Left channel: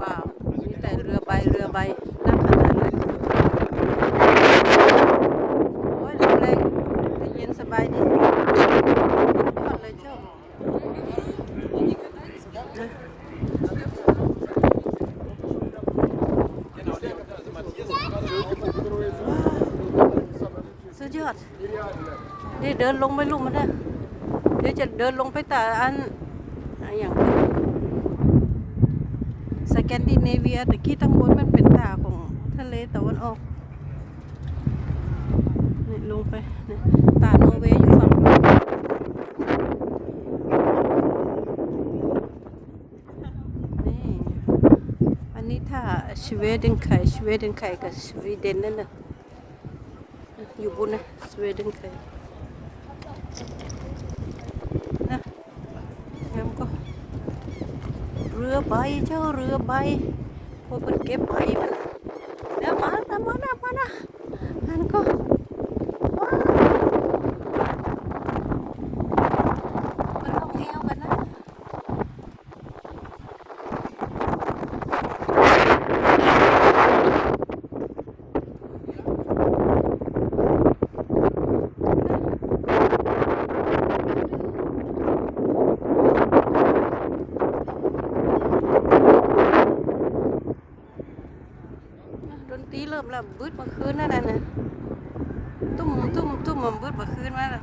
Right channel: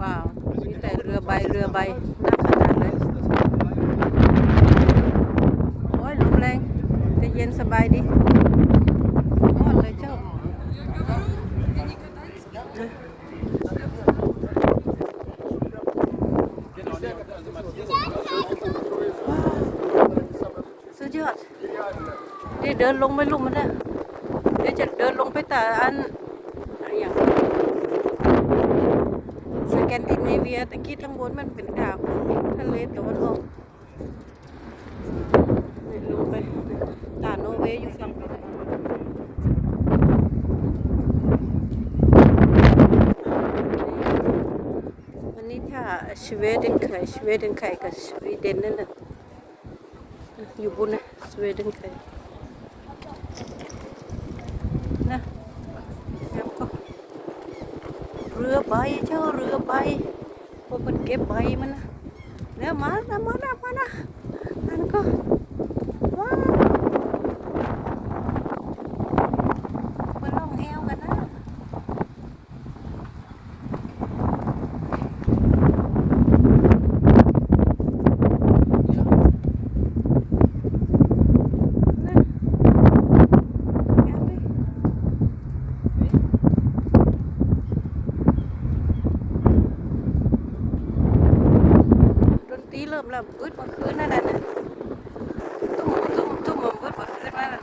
ว้าวมีแต่เรือใบเรือใบน่าขนาดเลยโอ้ยลมแรงแต่เย็นสบายดียอดเลยเจ้าว้าวสุดยอดเดี๋ยวเดินลงไปลุมมันได้เดี๋ยวจะเดินลงไปแต่อันอันอย่าง สแกนดิเนเวียตะกี้ทั้งบนมันเป็นดาวของทะเลตะวันออกนี่ลงไปนี่ตาโนอร์เวย์อยู่ฝั่งนู้นอันนี้ถ้าสวีเดนไข่สวีเดนไข่กับสวีเดนนั่นน่ะอยู่บนนะสวีเดนไข่นะแล้วก็ เรือใบเจ้าเรือใบพวกมันเก็บใบมันนะมานะมานะมานะนั่นก็ว้าวมันลงแอวกันนะดน ตรีเริ่มแล้วบึดเมื่อคืนนั่นน่ะนะตุ้มตุ้มตุ้มมันบึดเมื่อคืนมาแล้ว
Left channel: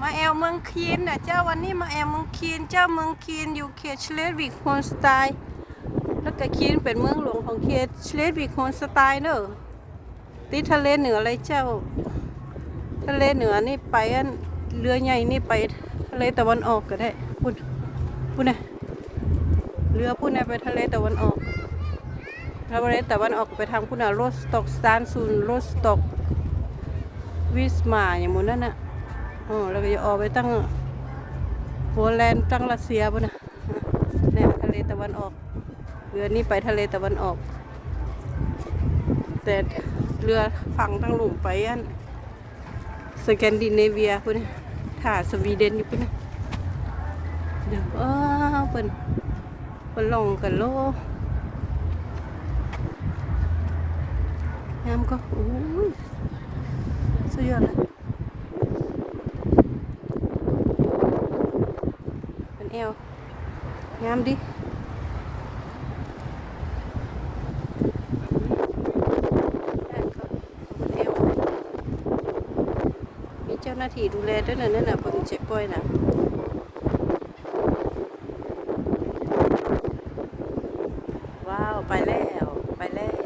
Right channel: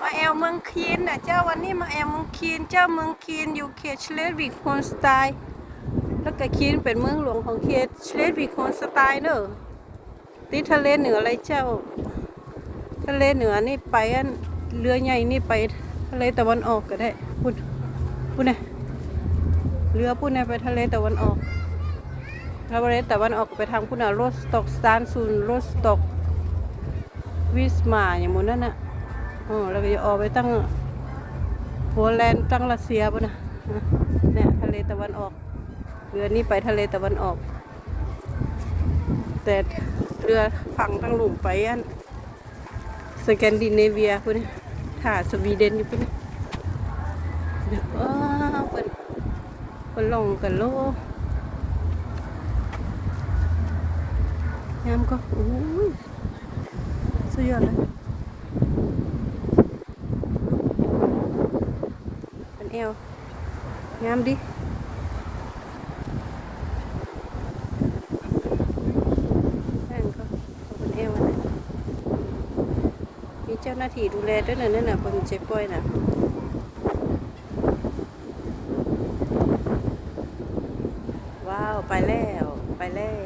มาแอลเมืองคีนนะเจ้าวันนี้มาแอลเมืองคีนเจ้าเมืองคีนอยู่เขตเชเลวิกโฮนสไตล์แล้วก็คีนเป็นเมืองหลวงของเขตเชเลวิกโฮนสไตล์เนอะติดทะเลเหนือเลยเจ้า ทะเลเหนือนี่ไปอันเรือใหญ่นี่ไป ทะเลตะวันออกก็ได้พูดพูดนะเรือพูดนะไปทะเลตะวันออกทะเลตะวันออกไปทางพูดนะโรสตอกซานซูนโรสตอกวิสมาอย่างหมดนั่นน่ะอ๋อแล้วก็จะออกไปตั้งโฮแลนด์ตั้งรัสเซียพูดนะเนี่ยทะเลตะวันออกเรือนี่ไปทะเลตะวันออก แต่เรือฝั่งตั้งหลุมไปอันสแกนดิเนเวียพุ่น ค่ะ สวีเดนอยู่พุ่นเดี๋ยวว้าวเพิ่นเพิ่นลงกันโลงามก็โอ้ยสุดยอดเลยเป็นเอวงามดินั่นก็เป็นเอวอันนั้น มีเจ้าหน้าที่ดูแลด้วยนะนั่นน่ะคนเจ็บป่วยน่ะว้าว ไปแล้ว ไปแล้ว